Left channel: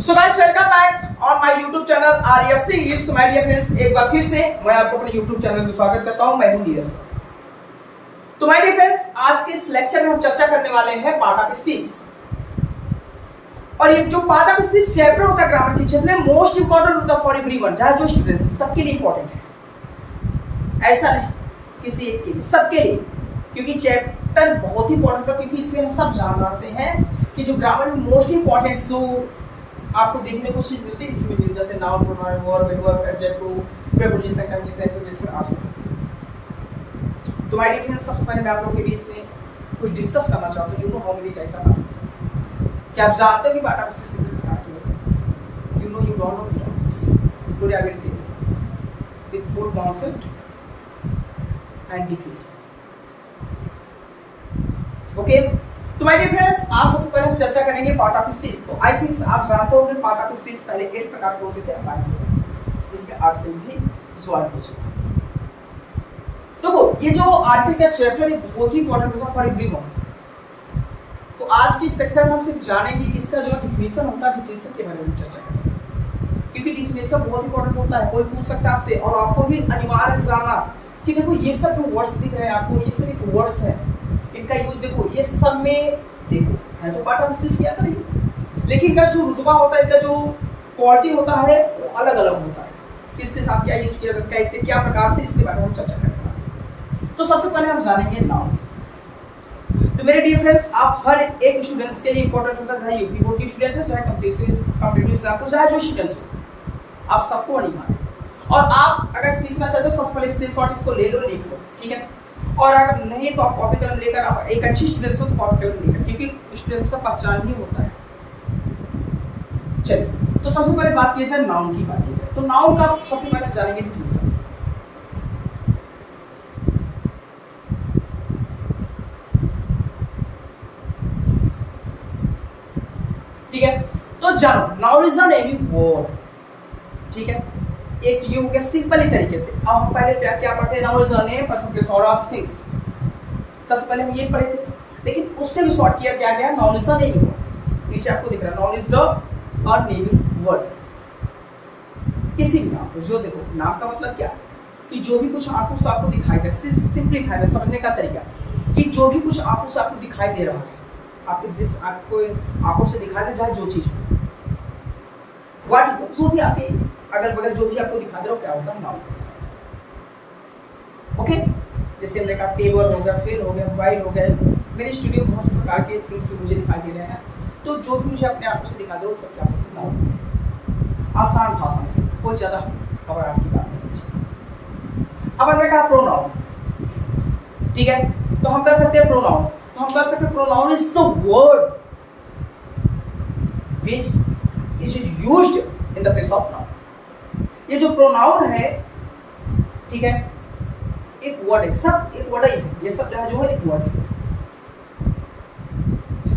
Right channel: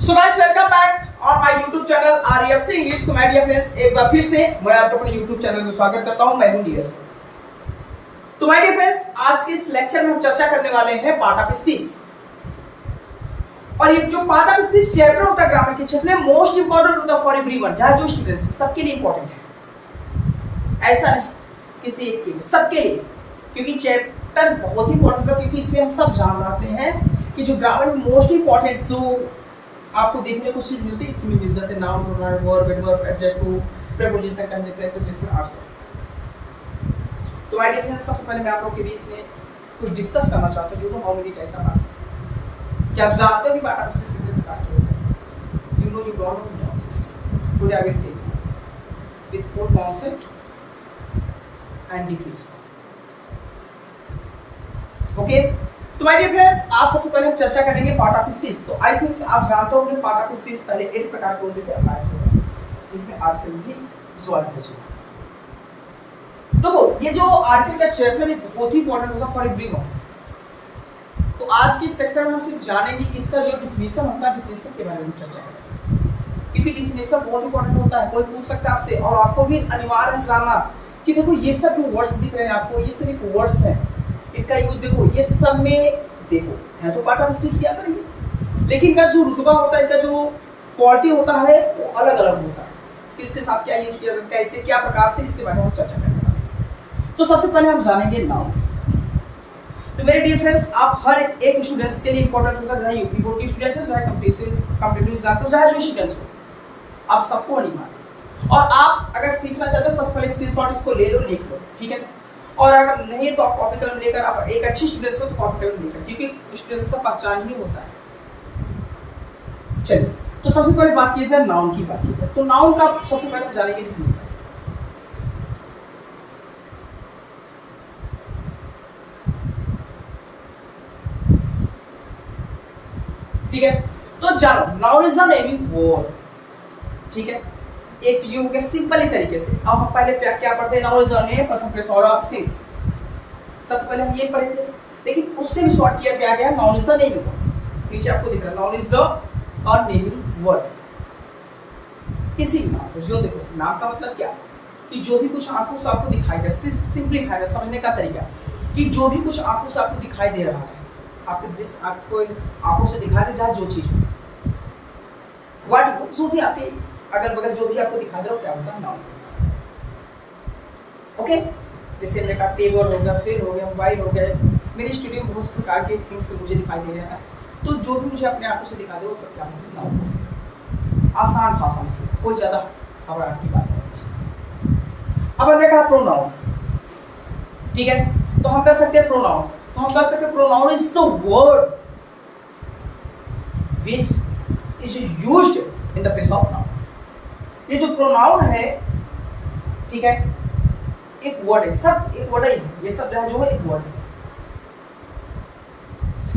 So guys welcome back on my YouTube channel RSC English. तो my dear friends, एक बार फिर से मैं आपको अपने YouTube चैनल में स्वागत करता हूं। मैं हूं नीरज। तो माय डियर फ्रेंड्स, आज के इस लेक्चर में हम चर्चा करने वाले हैं पार्ट ऑफ स्पीच। और ये जो पार्ट ऑफ स्पीच चैप्टर होता है ग्रामर के क्षेत्र में, मोस्ट इंपोर्टेंट होता है फॉर एवरीवन, चाहे जो स्टूडेंट्स सबके लिए इंपॉर्टेंट है। ऐसा नहीं किसी एक के लिए, सबके लिए, क्योंकि चैप्टर बहुत ही इंपॉर्टेंट है। क्योंकि इसमें हम सब जान रहे हैं कि जो ग्रामर में मोस्ट इंपॉर्टेंट जो आपको देखने को चीज मिलती है, इसमें मिल जाते हैं noun, pronoun, verb, adverb, adjective, preposition, conjunction, interjection आदि। तो माय डियर फ्रेंड्स, सबसे पहले मैं आप लोगों के बीच में कुछ डिस्कस करना चाहता हूं। You know how many types of part of speech. क्या आप जानते हो कि पार्ट ऑफ स्पीच कितने प्रकार के होते हैं? You know, you don't know, you don't think. Today I will tell you with four concept and definition. Okay, तो माय डियर फ्रेंड्स, आज सबसे पहले हम चर्चा करेंगे पार्ट ऑफ स्पीच। तो आई थिंक आप जानते होंगे पार्ट ऑफ स्पीच पहले 8 प्रकार के होते थे, अब 9 हो गए। इसमें आर्टिकल भी ज्वाइन हो चुका है। तो ये जो आर्टिकल का चैप्टर है बहुत ही इंपॉर्टेंट होता है फॉर एवरीवन। तो आज की सेक्शन में हम सिर्फ जानेंगे कि इसका जो डिफिनेशन होता है, डिफिनेशन के बारे में चर्चा करेंगे, क्योंकि डिफिनेशन बहुत इंपॉर्टेंट होता है। कोई पूछ सकता है आपसे, और आपको भी अनिवार्य है जानना कि देखो ये सब जो वर्ड्स दिख रहे हैं आपको, ये सिर्फ वर्ड्स हैं, इनका यूज देखो, ये सब में देखो है तो पार्ट ऑफ स्पीच की आता है, लेकिन इनका जो रुतबा होता है, इनका जो क्वालिटी होता है वो अलग अलग होता है। किसके साथ क्या यूज किया जाता है, कैसे क्या प्रकार से, इसके बारे में हम चर्चा करने वाले हैं। तो सबसे पहले हम जानेंगे नाउन। तो मेरे डियर फ्रेंड्स, आप हर एक स्टूडेंट्स के लिए इंपॉर्टेंट होता है, चाहे यूपी बोर्ड के स्टूडेंट हो, चाहे कॉम्पिटिटिव एग्जाम को, चाहे जो स्टूडेंट्स हो, आप सबको अनिवार्य। और आप अगर सीखना चाहते हो, सबसे पहले स्क्रीनशॉट इसको ले लो, लिख लो, ठीक है। और अगर नहीं तो आप कॉपी कलम लेकर, आप एक अच्छी स्टूडेंट्स हो तो कॉपी कलम लेकर, क्योंकि स्टूडेंट्स का पहचान ही होता है। चलिए, तो सबसे पहले बात की जाए नाउन की बात की जाए, तो नाउन का सबसे पहले हम जानेंगे डिफिनेशन। ठीक है, तो जानो, noun is the naming word, ठीक है। एक ये हो गया सिंपली तरीके से। अब हम पहले क्या पढ़ते हैं, noun is the name, person, place और ऑफ थिंग्स। सबसे पहले हम ये पढ़े थे, लेकिन उससे भी शॉर्ट किया क्या गया, noun is the naming word. नीचे आपको दिख रहा है, noun is the naming word. किसी भी नाम को, जो देखो नाम का मतलब क्या, कि जो भी कुछ आंखों से आपको दिखाई दे, सिंपलीफाई समझने का तरीका, कि जो भी कुछ आंखों से आपको दिखाई दे रहा है, आपके दृश्य आपको आंखों से दिखाई दे, चाहे जो चीज हो, व्हाट जो भी आपके अगल बगल जो भी आपको दिखाई दे रहा हो, क्या होता है, नाउन होता है। ओके, जैसे हमने कहा टेबल हो गया, फेल हो गया, मोबाइल हो गया। मेरे स्टूडियो में बहुत से प्रकार के थिंग्स मुझे दिखाई दे रहे हैं, तो जो भी मुझे अपने आंखों से दिखा दे वो सब क्या होता है, नाउन होता है। आसान भाषा में से, कोई ज्यादा घबराहट की बात नहीं। अब हमने कहा प्रोनाउन, ठीक है, तो हम कर सकते हैं प्रोनाउन। तो हम कर सकते हैं pronoun is the word which is used in the place of noun. ये जो प्रोनाउन है, ठीक है, एक वर्ड है, सब एक वर्ड है, ये सब जो है एक वर्ड है,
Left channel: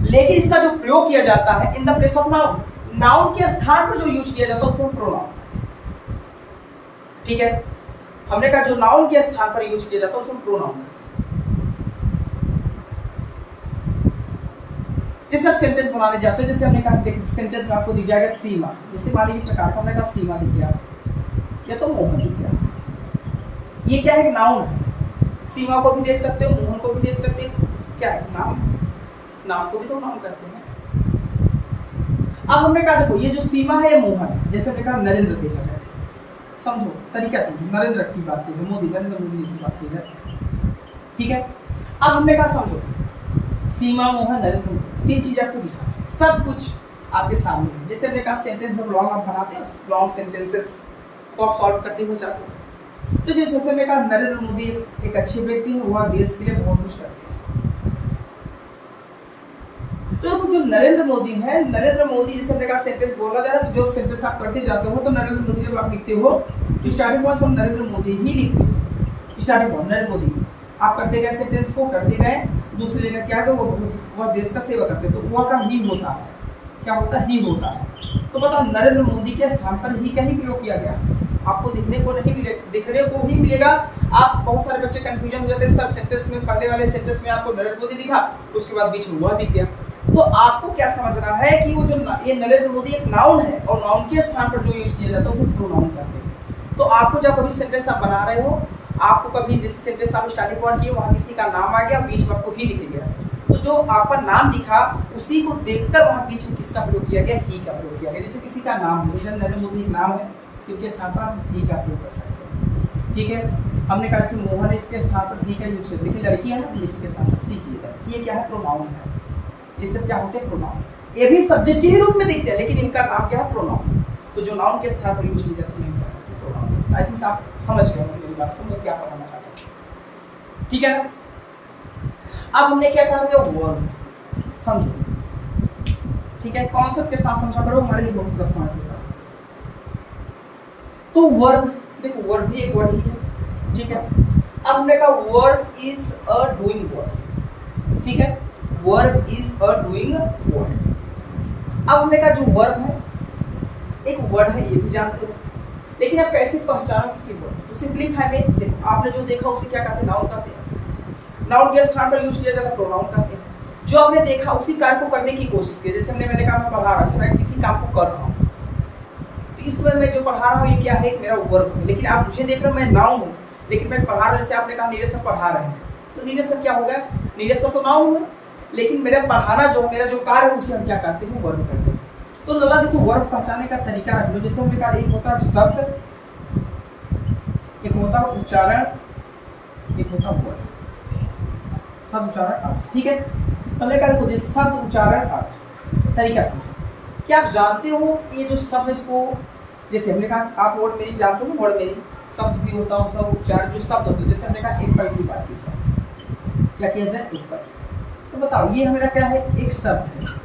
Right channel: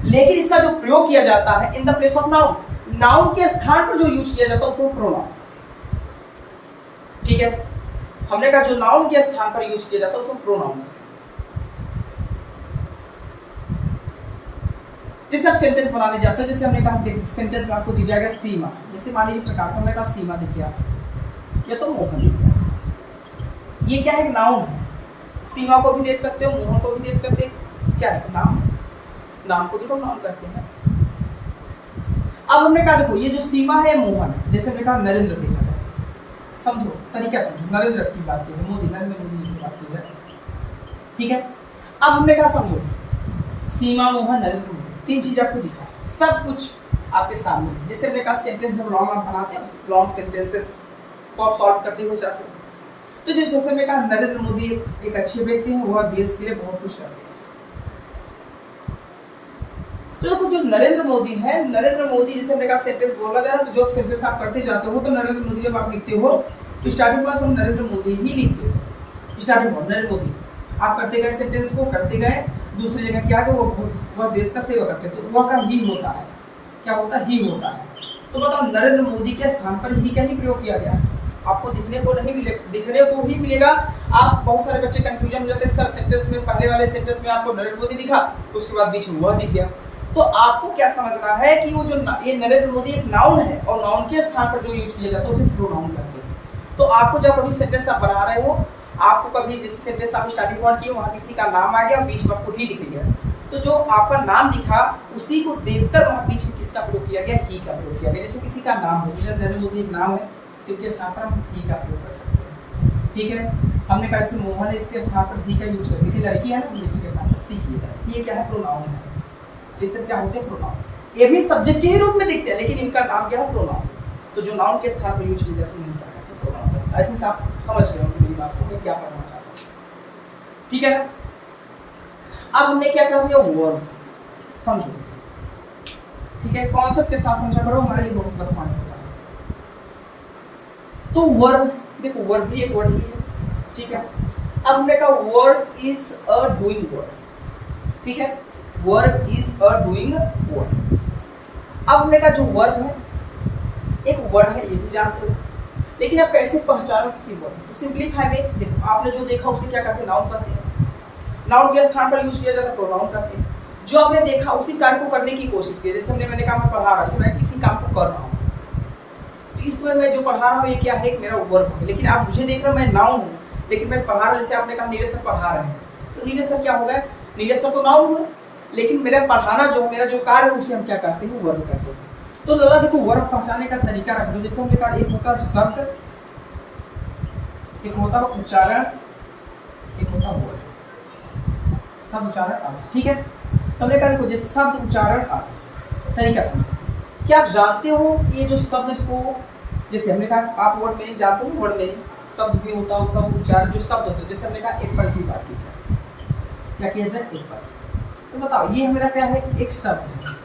लेकिन इसका जो प्रयोग किया जाता है in the place of noun, noun के स्थान पर जो यूज किया जाता है उसको प्रोनाउन, ठीक है। हमने कहा जो नाउन के स्थान पर यूज किया जाता है उसको प्रोनाउन। जैसे आप सेंटेंस बनाने जाते हैं, जैसे हमने कहा सेंटेंस में आपको दिख जाएगा सीमा, जैसे मान लीजिए प्रकार का हमने कहा सीमा दिख गया, या तो मोहन दिख गया। ये क्या है, नाउन है। सीमा को भी देख सकते हो, मोहन को भी देख सकते हो, क्या है, नाम। नाम को भी तो नाउन करते हैं। अब हमने कहा देखो ये जो सीमा है मोहन, जैसे हमने कहा नरेंद्र देखा जाए, समझो तरीका समझो, नरेंद्र की बात की जाए, मोदी, नरेंद्र मोदी जी से बात की जाए, ठीक है। अब हमने कहा समझो सीमा, मोहन, नरेंद्र मोदी, 3 चीज आपको दिखा, सब कुछ आपके सामने। जैसे हमने कहा सेंटेंस जब लॉन्ग आप बनाते हैं, लॉन्ग सेंटेंसेस को आप सॉल्व करते हो जाते हो। तो जैसे हमने कहा नरेंद्र मोदी एक अच्छे व्यक्ति हैं, वह देश के लिए बहुत कुछ करते हैं। तो देखो जो नरेंद्र मोदी है, नरेंद्र मोदी जैसे हमने कहा सेंटेंस बोला जा रहा है, तो जो सेंटेंस आप करते जाते हो, तो नरेंद्र मोदी जब आप लिखते हो तो स्टार्टिंग पॉइंट हम नरेंद्र मोदी ही लिखते हो। स्टार्टिंग पॉइंट नरेंद्र मोदी, आप करते गए सेंटेंस को, करते गए, दूसरी जगह क्या है, वह देश का सेवा करते हैं, तो वह का ही होता है, क्या होता है, ही होता है। तो बताओ नरेंद्र मोदी के स्थान पर ही का ही प्रयोग किया गया, आपको दिखने को ही मिलेगा। आप बहुत सारे बच्चे कंफ्यूजन हो जाते हैं, सर सेंटेंस में पहले वाले सेंटेंस में आपको नरेंद्र मोदी दिखा, उसके बाद बीच में वह दिख गया। तो आपको क्या समझना है कि वो जो ये नरेंद्र मोदी एक नाउन है और नाउन के स्थान पर जो यूज किया जाता है उसे प्रोनाउन कहते हैं। तो आपको जब कभी सेंटेंस आप बना रहे हो, आपको कभी जैसे सेंटेंस आप स्टार्टिंग पॉइंट किए वहां किसी का नाम आ गया, बीच में आपको ही दिख गया, तो जो आपका नाम दिखा उसी को देखकर वहां बीच में किसका प्रयोग किया गया, ही का प्रयोग किया गया। जैसे किसी का नाम हो, जैसे नरेंद्र मोदी एक नाम है तो उसके स्थान पर हम ही का प्रयोग कर सकते हैं। ठीक है, हमने कहा जैसे मोहन है, इसके स्थान पर ही का यूज करते हैं, लेकिन लड़की है ना, लड़की के स्थान पर सी किया जाता है। ये क्या है, प्रोनाउन है। ये सब क्या होते हैं, प्रोनाउन। ये भी सब्जेक्ट के रूप में दिखते हैं लेकिन इनका नाम क्या है, प्रोनाउन। तो जो नाउन के स्थान पर यूज किए जाते हैं इनका प्रोनाउन। आई थिंक आप समझ गए मेरी बात को, मैं क्या बताना चाहता हूँ। ठीक है, अब हमने क्या कहा भैया, वर्ब। समझो, ठीक है, कॉन्सेप्ट के साथ समझा करो, हमारे लिए बहुत प्लस पॉइंट होता है। तो वर्ब, देखो वर्ब भी एक वर्ड ही है। ठीक है, अब हमने कहा verb is a doing word. ठीक है, verb is a doing word. अब हमने कहा जो वर्ब है एक वर्ड है, ये भी जानते हो, लेकिन आप कैसे पहचानो कि वर्ड? तो सिंपलीफाई में देखो, आपने जो देखा उसे क्या कहते हैं, नाउन कहते हैं। नाउन के स्थान पर यूज किया जाता है प्रोनाउन कहते हैं। जो आपने देखा उसी कार्य को करने की कोशिश की, जैसे मैंने कहा मैं पढ़ा रहा हूँ, मैं किसी काम को कर रहा हूँ, तो इस समय मैं जो पढ़ा रहा हूँ ये क्या है, मेरा वर्ब है। लेकिन आप मुझे देख रहे हो, मैं नाउन हूँ, लेकिन मैं पढ़ा रहा हूँ। जैसे आपने कहा नीरज सर पढ़ा रहे हैं, तो नीरज सर क्या हो गया, नीरज सर तो नाउन हुए, लेकिन मेरा पढ़ाना जो मेरा जो कार्य है उसे हम क्या कहते हैं, वर्ब कहते हैं। तो लला देखो, वर्ब पहचानने का तरीका रख दो। जैसे हमने कहा एक होता है शब्द, एक होता है उच्चारण, एक होता है वर्ड। शब्द, उच्चारण, अर्थ। ठीक है, तो हमने कहा देखो, जैसे शब्द, उच्चारण, अर्थ, तरीका समझो। क्या आप जानते हो ये जो शब्द, इसको जैसे हमने कहा आप वर्ड मीनिंग जानते हो, वर्ड मीनिंग शब्द भी होता है, उसका उच्चारण जो शब्द होते हैं। जैसे हमने कहा एप्पल की बात की, सर क्या किया जाए, एप्पल। तो बताओ ये हमारा क्या है, एक शब्द है,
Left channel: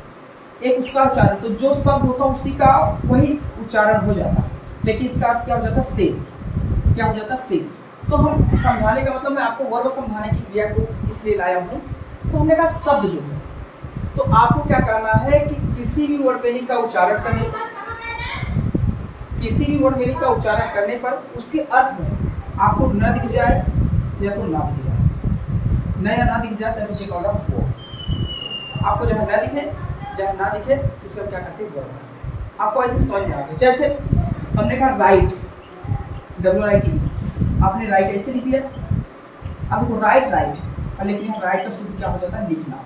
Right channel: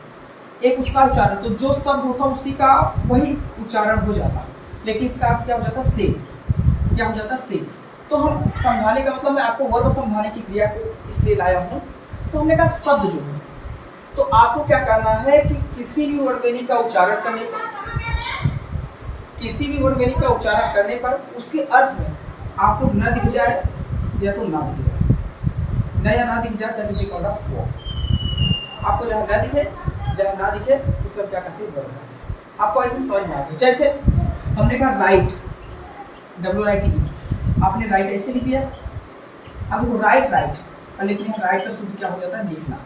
एक उसका उच्चारण। तो जो शब्द होता है उसी का वही उच्चारण हो जाता है, लेकिन इसका अर्थ क्या हो जाता है, सेम। क्या हो जाता है, सेम। तो हम समझाने का मतलब मैं आपको वर्ब समझाने की क्रिया को इसलिए लाया हूँ। तो हमने कहा शब्द जो है, तो आपको क्या करना है कि किसी भी वर्ड मीनिंग का उच्चारण करने पर, किसी भी वर्ड मीनिंग का उच्चारण करने पर उसके अर्थ में आपको न दिख जाए या तो ना दिख जाए, न या ना दिख जाए, that is called a verb. आपको जहाँ न दिखे, जहाँ ना दिखे, उसको क्या कहते हैं, वर्ब कहते हैं। आपको ऐसे समझ में आ गया। जैसे हमने कहा राइट, WRITE, आपने राइट ऐसे लिख दिया। अब देखो राइट, लेकिन यहाँ राइट का शुद्ध क्या हो जाता है, लिखना।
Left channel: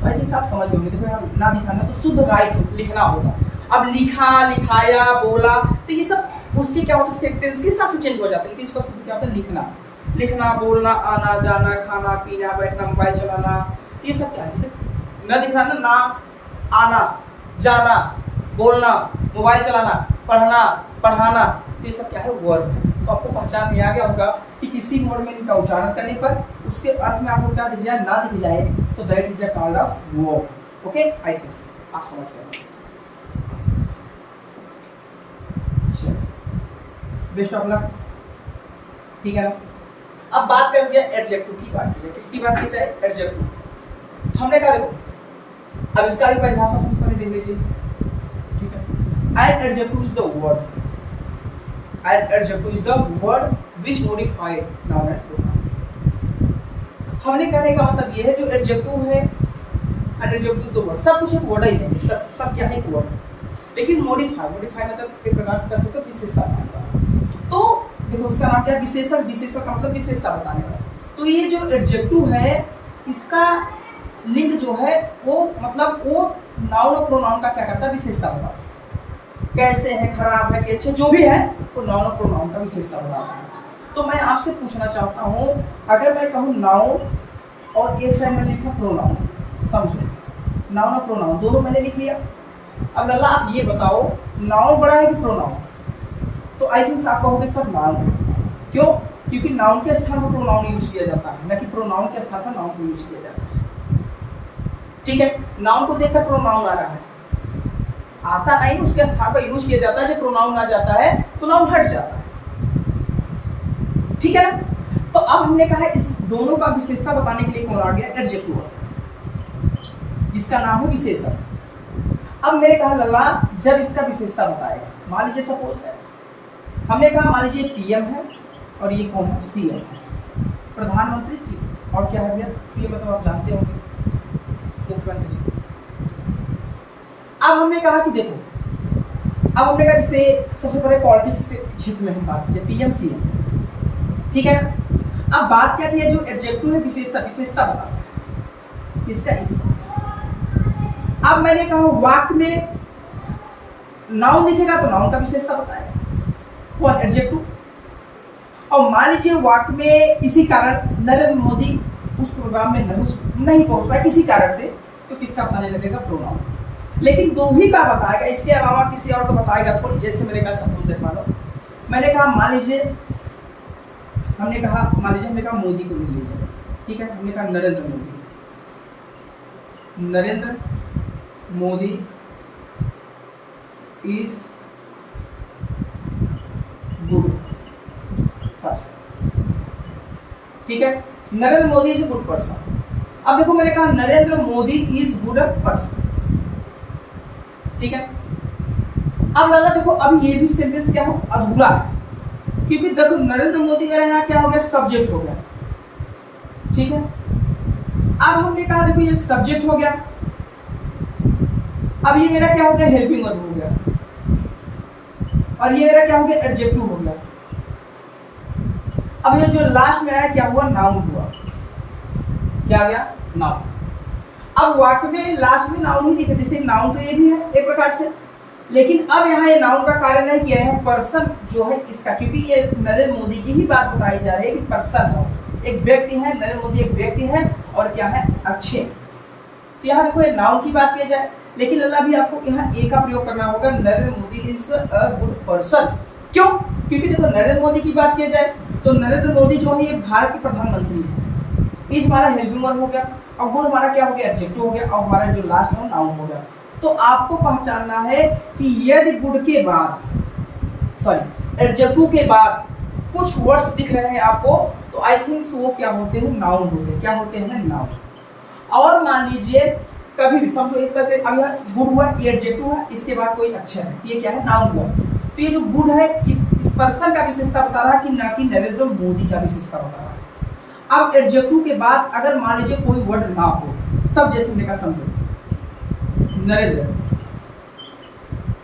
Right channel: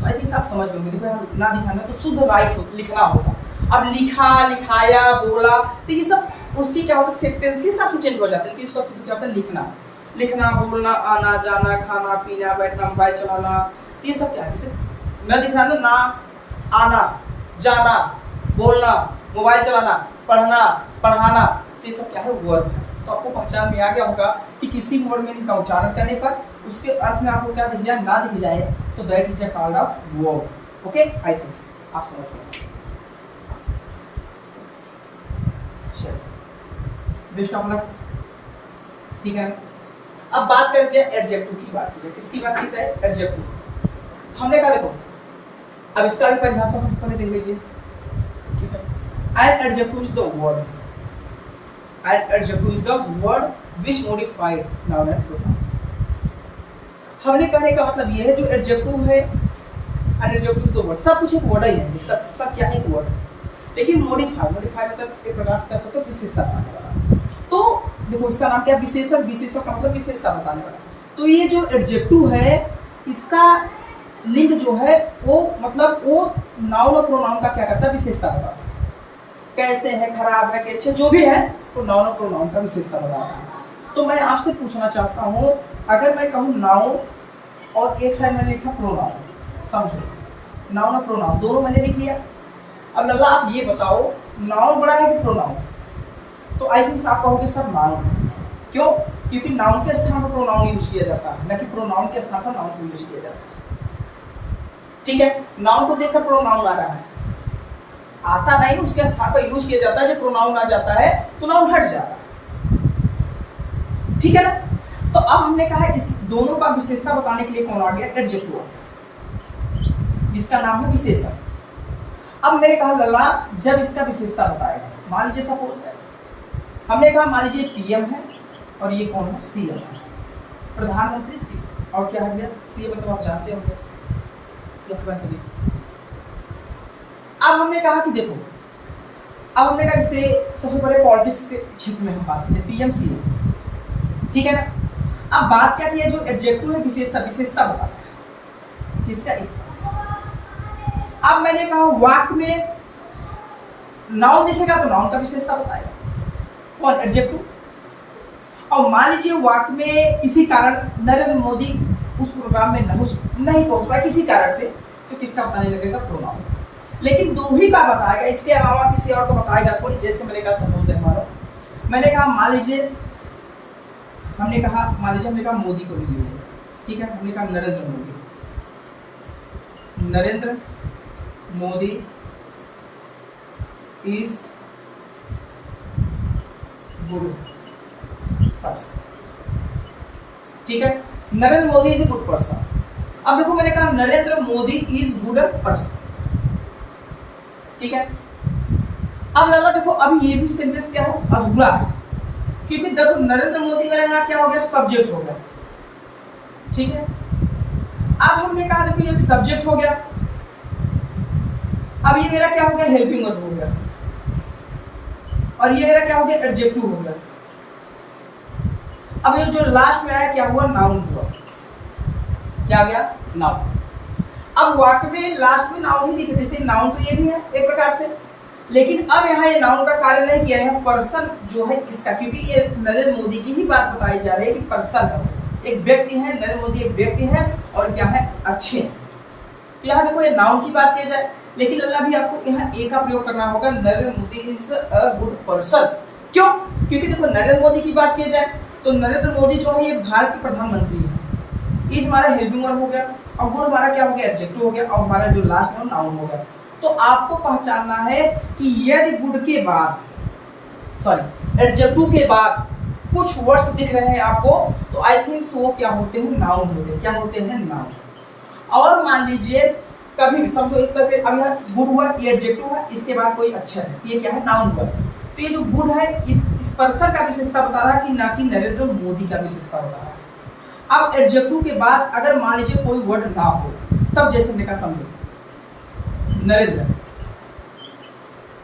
तो आई थिंक आप समझ गए। देखो यहाँ ना दिखाना तो शुद्ध राइट लिखना होगा। अब लिखा, लिखाया, बोला, तो ये सब उसकी क्या होता है, सेंटेंस के हिसाब से चेंज हो जाता है, लेकिन इसका शुद्ध क्या होता है, लिखना। लिखना, बोलना, आना जाना, खाना पीना, बैठना, मोबाइल चलाना, तो ये सब क्या है, जैसे न दिखाना, ना आना जाना, बोलना, मोबाइल चलाना, पढ़ना, पढ़ाना, तो ये सब क्या है, वर्ब है। तो आपको पहचान में आ गया होगा कि किसी वर्ड में इनका उच्चारण करने पर उसके अर्थ में आपको क्या दिख जाए, ना दिख जाए, तो that is a kind of verb. Okay, I think आप समझ गए। Best of luck. ठीक है, अब बात करते हैं एडजेक्टिव की बात की है। किसकी बात की जाए, एडजेक्टिव। हमने कहा देखो, अब इसका भी परिभाषा सबसे पहले देख लीजिए। ठीक है, an adjective is the word, an adjective is the word which modified noun and pronoun. हमने कहने का मतलब ये है जो एडजेक्टिव है, an adjective is the word, सब कुछ एक वर्ड ही है, सब क्या है, एक वर्ड। लेकिन मॉडिफाई मतलब एक प्रकार से कर सकते हो विशेषता बताने वाला। तो देखो इसका नाम क्या है, विशेषण। विशेषण का मतलब विशेषता बताने वाला। तो ये जो एडजेक्टिव है इसका लिंग जो है वो मतलब वो नाउन और प्रोनाउन का क्या करता है, विशेषता बताता है। कैसे है, खराब है कि अच्छे, जो भी है तो नाउन और प्रोनाउन का विशेषता बताता है। तो मैं आपसे पूछना चाहता हूँ, अगर मैं कहूँ नाउन और एक साइड मैंने लिखा प्रोनाउन, समझो नाउन और प्रोनाउन दोनों मैंने लिख लिया। अब लल्ला आप ये बताओ नाउन बड़ा है कि प्रोनाउन? तो आई थिंक आप कहोगे सर नाउन। क्यों? क्योंकि नाउन के स्थान पर प्रोनाउन यूज किया जाता है, न कि प्रोनाउन के स्थान पर नाउन को यूज किया जाता है। ठीक है, नाउन को देखकर प्रोनाउन आ रहा है, आता नहीं, उसके स्थान पर यूज किया जाता है। जब प्रोनाउन आ जाता है तो नाउन हट जाता है। ठीक है ना? तो अब हमने कहा इस दोनों का विशेषता बताने के लिए कौन आ गया, एडजेक्टिव, जिसका नाम है विशेषण। अब मैंने कहा लल्ला जब इसका विशेषता बताएगा, मान लीजिए सपोज है हमने कहा मान लीजिए पीएम है और ये कौन है, सीएम है, प्रधानमंत्री जी। और क्या है भैया, सीएम मतलब आप जानते होंगे मुख्यमंत्री। अब हमने कहा कि देखो, अब हमने कहा जैसे सबसे पहले पॉलिटिक्स के क्षेत्र में हम बात करते हैं, पीएम सीएम, ठीक है ना। अब बात क्या की है, जो एडजेक्टिव है विशेषता बता रहा है किसका, इस। अब मैंने कहा वाक्य में नाउन दिखेगा तो नाउन का विशेषता बताएगा कौन, एडजेक्टिव। और मान लीजिए वाक्य में इसी कारण नरेंद्र मोदी उस प्रोग्राम में नहीं पहुंच पाए किसी कारण से, तो किसका बताने लगेगा, प्रोनाउन। लेकिन दो ही का बताएगा, इसके अलावा किसी और को बताएगा थोड़ी। जैसे मैंने कहा सपोज दैट मानो मैंने कहा मान लीजिए हमने कहा मोदी को भी लीजिए, ठीक है। हमने कहा Narendra Modi is good person, ठीक है। Narendra Modi is a good person. अब देखो मैंने कहा Narendra Modi is good person, ठीक है। अब लाला देखो अभी ये भी सेंटेंस क्या हो, अधूरा है, क्योंकि देखो नरेंद्र मोदी मेरा यहाँ क्या हो गया, सब्जेक्ट हो गया, ठीक है। अब हमने कहा देखो ये सब्जेक्ट हो गया, अब ये मेरा क्या हो गया, हेल्पिंग वर्ब हो गया, और ये मेरा क्या हो गया, एडजेक्टिव हो गया। अब ये जो लास्ट में आया क्या हुआ, नाउन हुआ, क्या गया, नाउन। अब वाक्य में लास्ट में नाउन ही दिखे, जैसे नाउन तो ये भी है एक प्रकार से, लेकिन अब यहाँ ये नाउन का कार्य नहीं किया है, पर्सन जो है इसका, क्योंकि ये नरेंद्र मोदी की ही बात बताई जा रही है कि पर्सन है, एक व्यक्ति है, नरेंद्र मोदी एक व्यक्ति है, और क्या है, अच्छे। तो यहाँ देखो ये नाउन की बात की जाए, लेकिन लल्ला भी आपको यहाँ ए का प्रयोग करना होगा, Narendra Modi is a good person. क्यों, क्योंकि देखो नरेंद्र मोदी की बात की जाए तो नरेंद्र मोदी जो है ये भारत के प्रधानमंत्री है, इज हमारा हेल्पिंग वर्ब हो गया, और गुड हमारा क्या हो गया, एडजेक्टिव हो गया, और हमारा जो लास्ट में नाउन हो गया। तो आपको पहचानना है कि यदि गुड के बाद, सॉरी एडजेक्टिव के बाद कुछ वर्ड्स दिख रहे हैं आपको, तो आई थिंक वो क्या होते हैं, नाउन होते हैं। क्या होते हैं, नाउन। और मान लीजिए कभी भी समझो एक तरह से, अब यहाँ गुड हुआ, ये एडजेक्टिव है, इसके बाद कोई अक्षर है, ये क्या है, नाउन हुआ। तो ये जो गुड है ये इस पर्सन का विशेषता बता रहा है, कि ना कि नरेंद्र मोदी का विशेषता बता रहा है। अब एडजेक्टिव के बाद अगर मान लीजिए कोई वर्ड ना हो, तब जैसे देखा, समझो नरेंद्र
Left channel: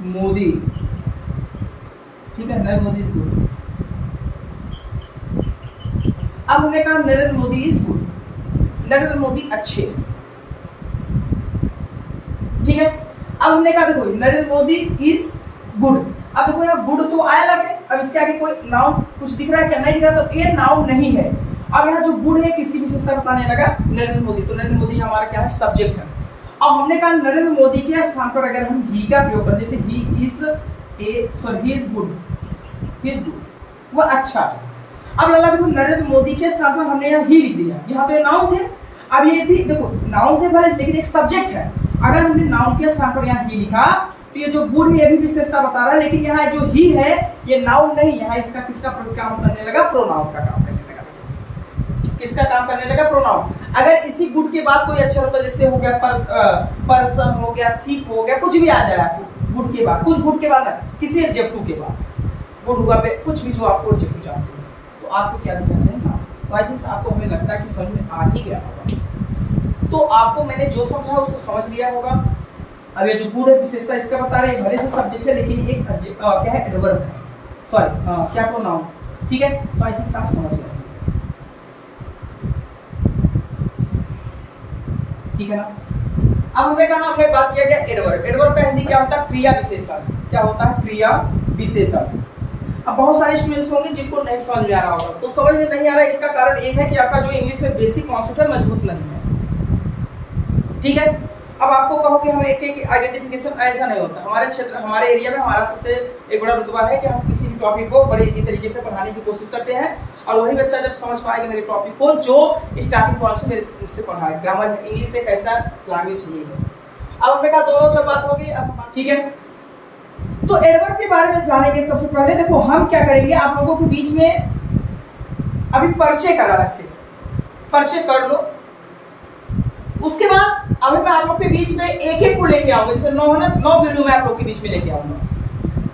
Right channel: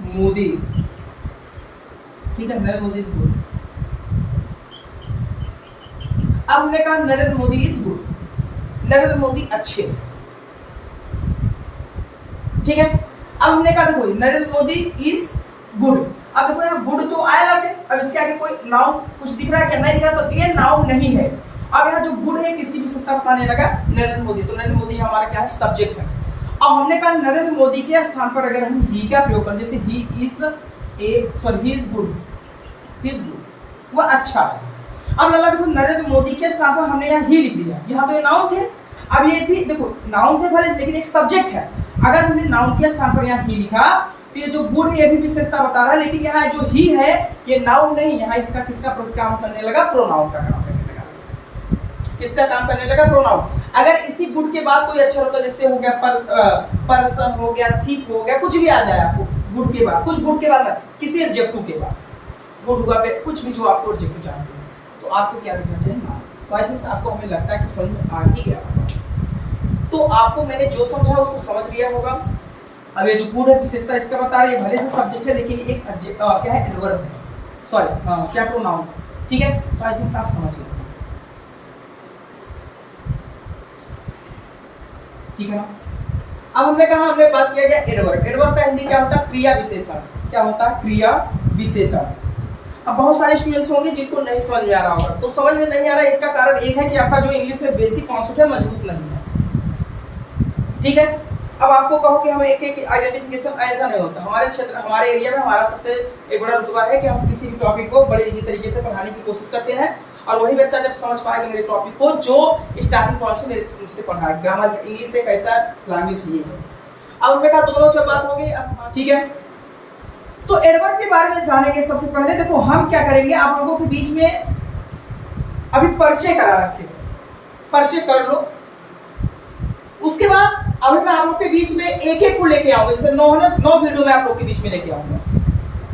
मोदी, ठीक है, नरेंद्र मोदी इज गुड। अब हमने कहा नरेंद्र मोदी इज गुड, नरेंद्र मोदी अच्छे, ठीक है। अब हमने कहा देखो नरेंद्र मोदी इज गुड। अब देखो यहाँ गुड तो आया लगे, अब इसके आगे कोई नाउन कुछ दिख रहा है क्या, नहीं दिख रहा, तो ये नाउन नहीं है। अब यहाँ जो गुड है किसकी विशेषता बताने लगा, नरेंद्र मोदी, तो नरेंद्र मोदी हमारा क्या है, सब्जेक्ट है। अब हमने कहा नरेंद्र मोदी के स्थान पर अगर हम ही का प्रयोग करें, जैसे he is good, he is good, वह अच्छा है। अब लगा देखो नरेंद्र मोदी के स्थान पर हमने यहाँ ही लिख दिया, यहाँ तो ये नाउन थे, अब ये भी देखो नाउन थे भले, लेकिन एक सब्जेक्ट है। अगर हमने नाउन के स्थान पर यहाँ ही लिखा, तो ये जो गुड है ये भी विशेषता बता रहा है, लेकिन यहाँ जो ही है ये नाउन नहीं, यहाँ इसका किसका काम करने लगा, प्रोनाउन का काम करने लगा। किसका काम करने लगा, प्रोनाउन। अगर इसी गुड के बाद कोई अक्षर होता, जैसे हो गया पर्सन हो गया, थिक हो गया, कुछ भी आ जाए आपको गुड के बाद, कुछ गुड के बाद ना, किसी एडजेक्टिव के बाद गुड हुआ पे कुछ भी जो आपको एडजेक्टिव जानते हो, तो आपको क्या लिखना चाहिए, नाउन। तो आई थिंक आपको हमें लगता है कि समझ में आ ही गया होगा। तो आपको मैंने जो समझा उसको समझ लिया होगा। अब ये जो गुड है विशेषता इसका बता रहे हैं, भले से सब्जेक्ट है लेकिन एक क्या है, एडवर्ब है, सॉरी क्या प्रोनाउन, ठीक है। तो आई थिंक आप समझ गए, ठीक है ना। अब हमने कहा, हमने बात किया गया एडवर्ब। एडवर्ब का हिंदी क्या होता है, क्रिया विशेषण। क्या होता है, क्रिया विशेषण। अब बहुत सारे स्टूडेंट्स होंगे जिनको नहीं समझ में आ रहा होगा, तो समझ में नहीं आ रहा है इसका कारण एक है कि आपका जो इंग्लिश में बेसिक कॉन्सेप्ट है मजबूत नहीं है, ठीक है। अब आपको कहो कि हमें एक एक आइडेंटिफिकेशन, ऐसा नहीं होता। हमारे क्षेत्र, हमारे एरिया में हमारा सबसे एक बड़ा रुतबा है कि हम किसी भी टॉपिक को बड़े इजी तरीके से पढ़ाने की कोशिश करते हैं, और वही बच्चा जब समझ पाएगा मेरे टॉपिक को, जो स्टार्टिंग पॉइंट से मेरे से पढ़ा है। ग्रामर, इंग्लिश एक ऐसा लैंग्वेज नहीं है। अब हमने कहा दोनों जब बात होगी, अब ठीक है। तो एडवर्ब के बारे में जानेंगे। सबसे पहले देखो हम क्या करेंगे, आप लोगों के बीच में अभी परिचय करा रहा है, परिचय कर लो। उसके बाद अभी मैं आप लोग के बीच में एक एक को लेके आऊंगा, जैसे 9 वीडियो में आप लोग के बीच में लेके आऊंगा।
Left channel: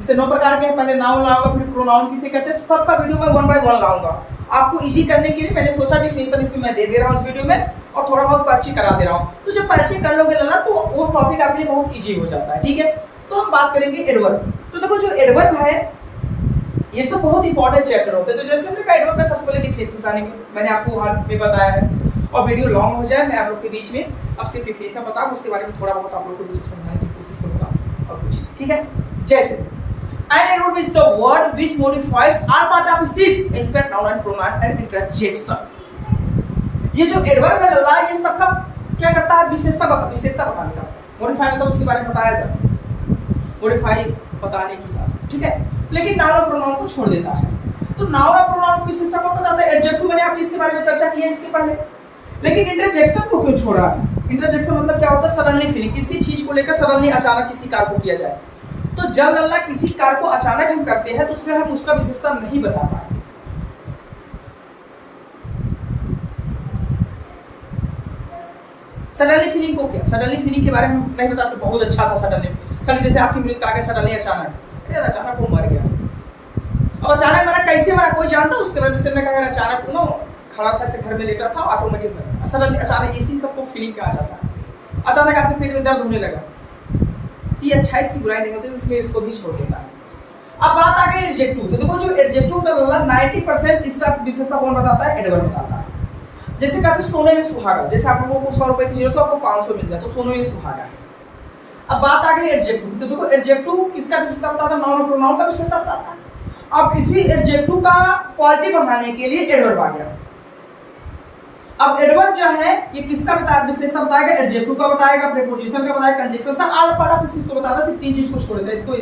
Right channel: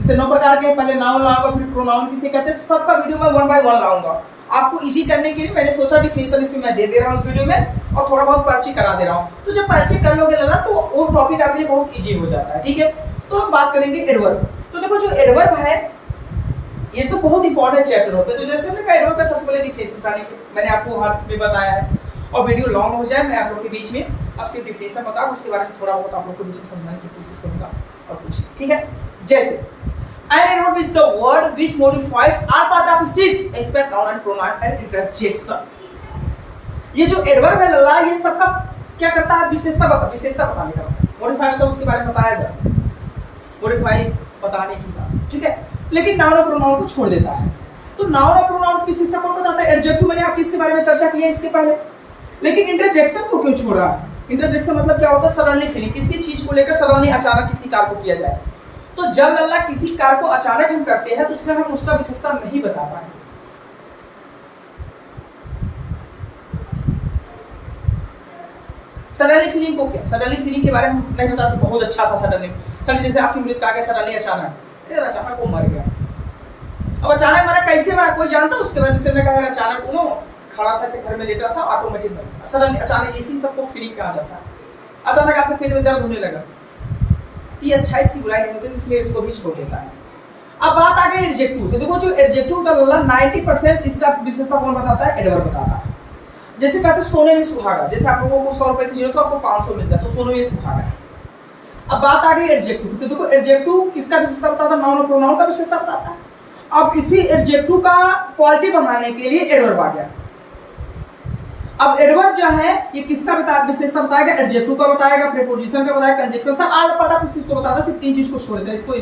जैसे 9 प्रकार के, पहले नाउन लाऊंगा, फिर प्रोनाउन किसे कहते हैं, सबका वीडियो मैं 1 बाय 1 लाऊंगा। आपको इजी करने के लिए मैंने सोचा डिफिनेशन इसमें मैं दे रहा हूँ इस वीडियो में, और थोड़ा बहुत परिचय करा दे रहा हूँ। तो जब परिचय कर लोगे ना तो वो टॉपिक आपके लिए बहुत इजी हो जाता है। ठीक है, तो हम बात करेंगे एडवर्ब। तो देखो जो एडवर्ब है ये सब बहुत इंपॉर्टेंट चैप्टर होते हैं। तो जैसे हमने कहा एडवर्ब का सबसे पहले डिफिनेशन आने मैंने आपको हाल में बताया है, और वीडियो लॉन्ग हो जाए मैं आप लोग के बीच में अब सिर्फ डिफिनेशन बताऊं, उसके बारे में थोड़ा बहुत आप लोग को बीच में समझाने की कोशिश करूंगा और कुछ। ठीक है, जैसे an adverb is the word which modifies all part of speech except noun and pronoun and interjection। ये जो एडवर्ब है लल्ला, ये सबका क्या करता है, विशेषता बताने का। मॉडिफाई मतलब उसके बारे में बताया जाए, मॉडिफाई बताने की बात। ठीक है, लेकिन नाउन और प्रोनाउन को छोड़ देता है। तो नाउन और प्रोनाउन की विशेषता कौन बताता है, एडजेक्टिव। मैंने आपको इसके बारे में चर्चा की है इसके पहले। लेकिन इंटरजेक्शन को क्यों छोड़ा? इंटरजेक्शन मतलब क्या होता है, सडनली फीलिंग, किसी चीज को लेकर सडनली अचानक किसी कार्य को किया जाए। तो जब लल्ला किसी कार्य को अचानक हम करते हैं तो उसमें हम उसका विशेषता नहीं बता पाए। सडनली फीलिंग को क्या, सडनली फीलिंग के बारे में नहीं बता सकते, बहुत अच्छा था सडनली जैसे आपकी मृत्यु आ गया सडनली, अचानक वो मर गया। अब अचानक मरा, कैसे मरा कोई जानता? उसके बाद जैसे मैंने कहा अचानक वो खड़ा था, ऐसे घर में लेटा था, ऑटोमेटिक मरा। सडनली अचानक इसी सबको फीलिंग कहा जाता है। अचानक आपके पेट में दर्द होने लगा, ये 28 की बुराई नहीं होती, इसलिए इसको भी छोड़ देता है। अब बात आ गई एडजेक्टिव। तो देखो जो एडजेक्टिव का 90% इसका विशेषता कौन बताता है, एडवर्ब बताता है। जैसे कहते हैं सोने में सुहागा, जैसे आप लोगों को 100 रुपए की जरूरत हो, आपको 500 मिल जाए, तो सोने में सुहागा है। अब बात आ गई एडजेक्टिव। तो देखो एडजेक्टिव किसका विशेषता बताता है, नाउन और प्रोनाउन का विशेषता बताता है। अब इसी एडजेक्टिव का क्वालिटी बढ़ाने के लिए एडवर्ब आ गया। अब एडवर्ब जो है ये किसका विशेषता बताएगा, एडजेक्टिव का बताएगा, प्रीपोजिशन का बताएगा, कंजंक्शन सब ऑल पार्ट ऑफ स्पीच को बताता है। सिर्फ 3 चीज को छोड़ देता है, इसको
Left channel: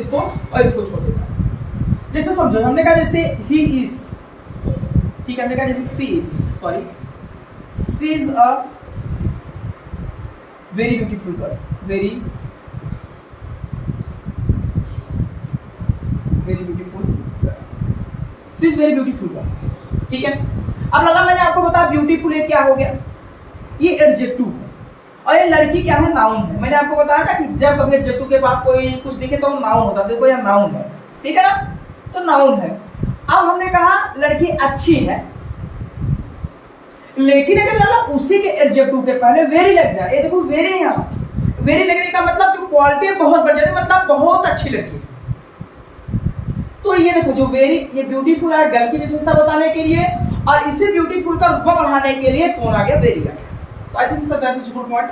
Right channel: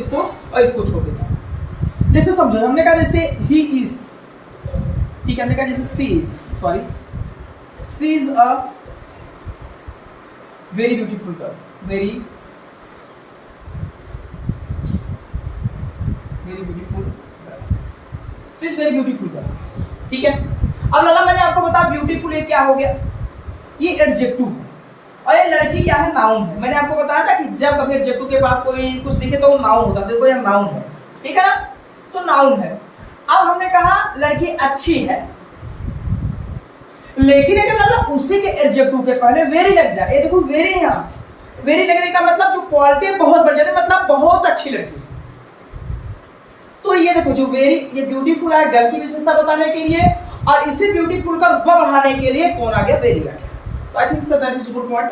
और इसको छोड़ देता है। जैसे समझो, हमने कहा जैसे ही इज, ठीक है, हमने कहा जैसे she is a very beautiful girl, very beautiful girl, she is very beautiful girl. ठीक है, अब लल्ला मैंने आपको बताया ब्यूटीफुल ये क्या हो गया, ये एडजेक्टिव है, और ये लड़की क्या है, नाउन है। मैंने आपको बताया था कि जब कभी एडजेक्टिव के पास कोई कुछ दिखे तो नाउन होता है। देखो यहाँ नाउन है, ठीक है ना, तो नाउन है। अब हमने कहा लड़की अच्छी है, लेकिन अगर लल्ला उसी के एडजेक्टिव के पहले वेरी लग जाए, ये देखो वेरी, यहाँ वेरी लगने का मतलब जो क्वालिटी बहुत बढ़ जाती है, मतलब बहुत अच्छी लड़की। तो ये देखो जो वेरी, ये ब्यूटीफुल है गर्ल की विशेषता बताने के लिए, और इसी ब्यूटीफुल का रुतबा बढ़ाने के लिए कौन आ गया, वेरी आ गया। तो I think sir that is good point,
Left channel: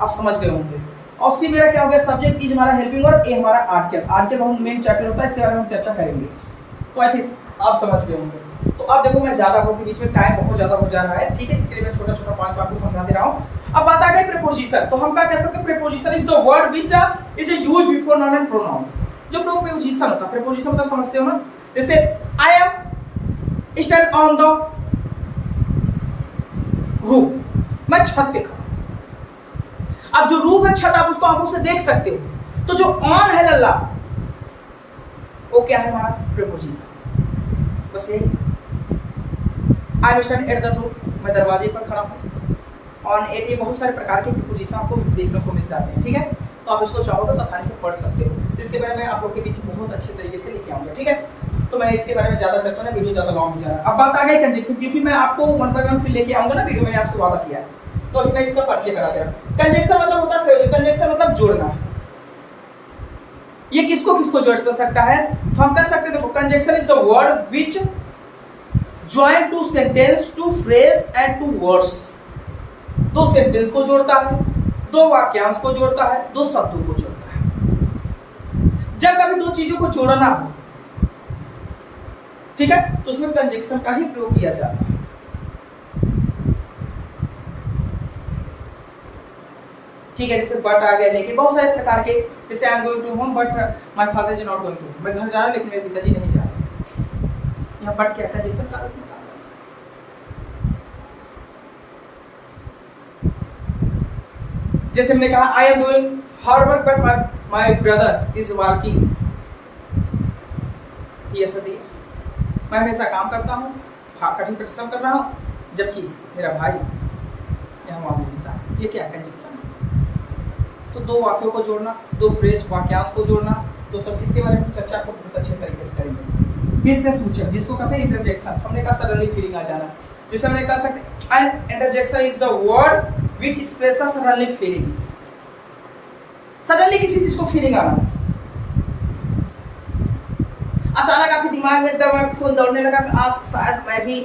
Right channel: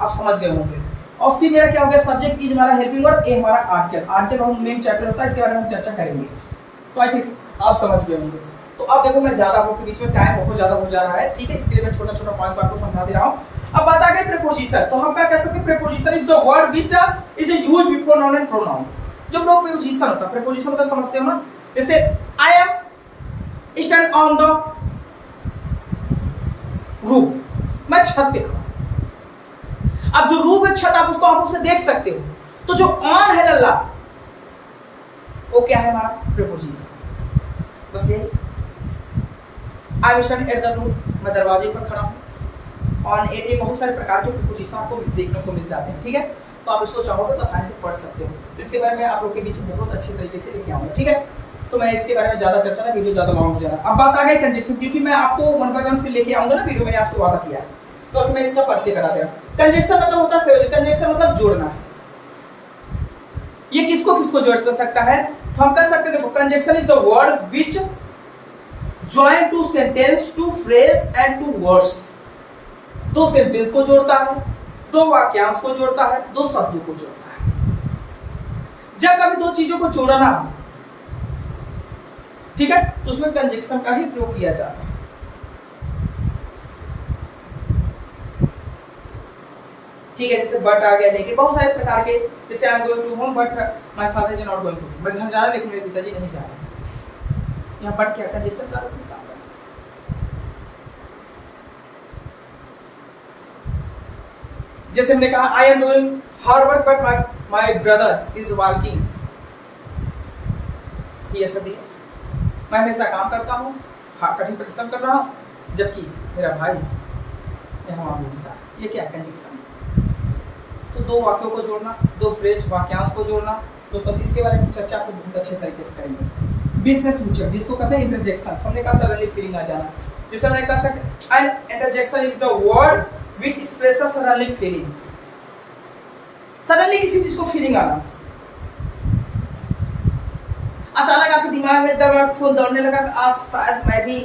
आप समझ गए होंगे। और फिर मेरा क्या हो गया, सब्जेक्ट इज हमारा हेल्पिंग वर्ब, ए हमारा आर्टिकल। आर्टिकल हम मेन चैप्टर होता है, इसके बारे में हम चर्चा करेंगे। तो आई थिंक आप समझ गए होंगे। तो अब देखो मैं ज्यादा आपके बीच में टाइम बहुत ज्यादा हो जा रहा है, ठीक है, इसके लिए मैं छोटा छोटा पॉइंट्स आपको समझा दे रहा हूँ। अब बात आ गई प्रीपोजिशन। तो हम क्या कह सकते हैं, preposition is the word which is used before noun and pronoun. जो प्रीपोजिशन होता है, प्रीपोजिशन मतलब समझते हो ना, जैसे I M stand on the roof, मैं छत पे खड़ा। अब जो रूफ है, छत, आप उसको आंखों से देख सकते हो। तो जो ऑन है लल्ला, वो क्या है हमारा प्रीपोजिशन। बस यही, I am standing at the door, मैं दरवाजे पर खड़ा हूं। ऑन एट, ये बहुत सारे प्रकार के प्रीपोजिशन आपको देखने को मिल जाते हैं। ठीक है, तो आप इसको चाहो तो आसानी से पढ़ सकते हो। इसके बारे में आप लोग के बीच बहुत अच्छे तरीके से लेके आऊंगा। ठीक है, तो मैं इसके बारे में ज्यादा चर्चा ना, वीडियो ज्यादा लॉन्ग हो जा रहा है। अब बात आ गई कंजंक्शन, क्योंकि मैं आपको 1 बाय 1 फिर लेके आऊंगा ना वीडियो, मैंने आपसे वादा किया है, तो अभी मैं इसका परिचय करा दे रहा हूं। कंजंक्शन मतलब होता है संयोजन, कंजंक्शन मतलब जोड़ना है। ये किसको किसको जोड़ सकता है, तो हम कह सकते हैं, देखो conjunction is the word which join two sentence, two phrase and two words. 2 sentence को जोड़ता है, 2 वाक्यांश को जोड़ता है, 2 शब्दों को जोड़ता है। जब कभी 2 चीजों को जोड़ना हो, ठीक है, तो उसमें कंजंक्शन का ही प्रयोग किया जाता है। ठीक है, जैसे बट आ गया, लेकिन बहुत सारे प्रकार के, जैसे I am going to home but my father is not going to, मैं घर जा रहा हूं लेकिन मेरे पिताजी नहीं जा रहे। यहाँ बट क्या, कंजंक्शन का रूप में काम है। जैसे हमने कहा I am doing hard work but my brother is working, ये ऐसा दिया, मैं हमेशा काम करता हूँ, कठिन परिश्रम कर रहा हूँ, जबकि मेरा भाई यहाँ वहाँ घूमता है। ये क्या कंजंक्शन। तो 2 वाक्यों को जोड़ना, 2 फ्रेज वाक्यांश को जोड़ना, तो सब इसके बारे में चर्चा आपको बहुत अच्छे तरीके से करेंगे। बीच में सूचक जिसको कहते हैं इंटरजेक्शन, हमने कहा सडनली फीलिंग आ जाना, जिसे हमने कह सकते an interjection is the word which expresses suddenly feelings. Suddenly किसी चीज को फीलिंग आना, अचानक आपके दिमाग में एकदम खून दौड़ने लगा कि आज शायद मैं भी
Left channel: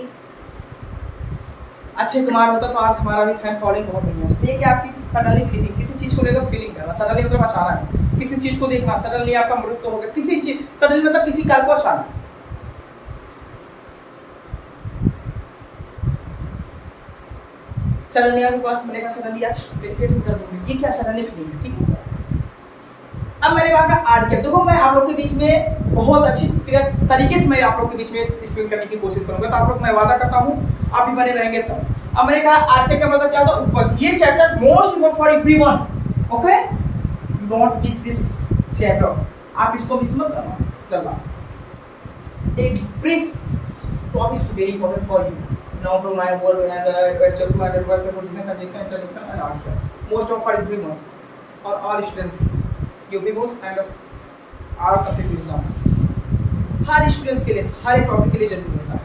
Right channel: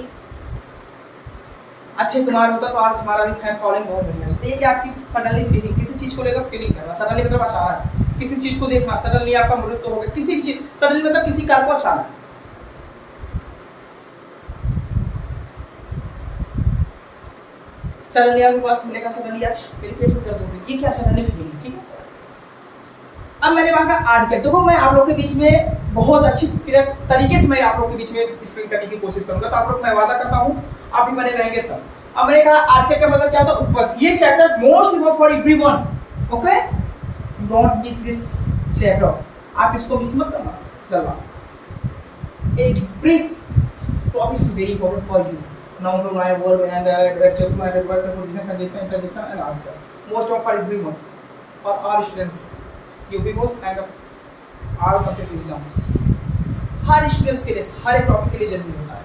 अक्षय कुमार होता तो आज हमारा भी फैन फॉलोइंग बहुत बढ़िया है। ये क्या आपकी सडनली फीलिंग, किसी चीज को लेकर फीलिंग करना, सडनली मतलब अचानक किसी चीज को देखना, सडनली आपका मृत्यु हो गया, किसी चीज सडनली मतलब किसी कार को अचानक। सडनली आपके पास मिलेगा, सडनली आप मेरे पेट में दर्द हो गई, ये क्या सडनली फीलिंग है, ठीक है। अब मैंने वहां का आर्टिकल देखो, मैं आप लोग के बीच में बहुत अच्छी तरीके से मैं आप लोग के बीच में एक्सप्लेन करने की कोशिश करूंगा, तो आप लोग मैं वादा करता हूं आप भी बने रहेंगे तब। अब मैंने कहा आर्टिकल का मतलब क्या होता है, ऊपर ये chapter most important for everyone, okay, don't miss this chapter, आप इसको मिस मत करना। एक brief topic is very important for you, now from my word and adjective my word preposition conjunction interjection and article, most of for everyone for all students UP board and all complete exams, her students के लिए, हर एक topic के लिए जरूरी होता है।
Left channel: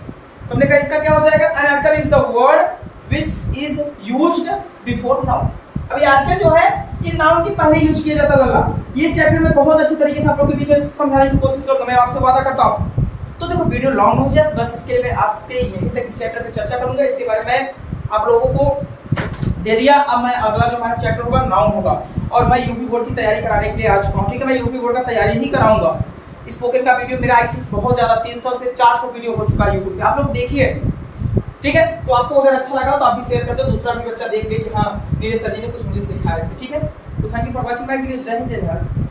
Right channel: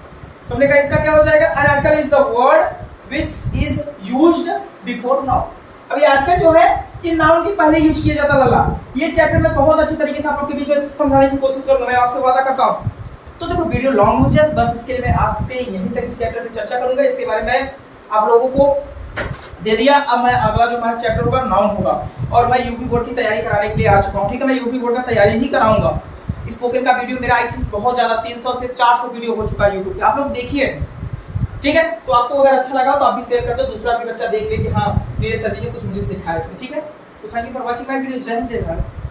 तो हमने कहा इसका क्या हो जाएगा, an article is the word which is used before noun. अब ये आर्टिकल जो है ये नाउन के पहले यूज किया जाता लल्ला। ये चैप्टर में बहुत अच्छी तरीके से आप लोग के बीच में समझाने की कोशिश करूंगा, मैं आपसे वादा करता हूं। तो देखो वीडियो लॉन्ग हो जाए, बस इसके लिए मैं आज पे यहीं तक इस चैप्टर पे चर्चा करूंगा, इसके बारे में आप लोगों को दे दिया। अब मैं अगला जो हमारा चैप्टर होगा नाउन होगा, और मैं यूपी बोर्ड की तैयारी कराने के लिए आ चुका हूँ, ठीक है। मैं यूपी बोर्ड का तैयारी ही कराऊंगा। स्पोकन का वीडियो मेरा आई थिंक बहुत ज्यादा 300 से 400 वीडियो हो चुका है यूट्यूब पे, आप लोग देखिए, ठीक है। तो आपको अगर अच्छा लगा तो आप भी शेयर कर दो, दूसरा भी बच्चा देख ले कि हाँ मेरे सर जी ने कुछ मुझे सिखाया इसमें, ठीक है। तो thank you for watching my video. जय हिंद, जय भारत।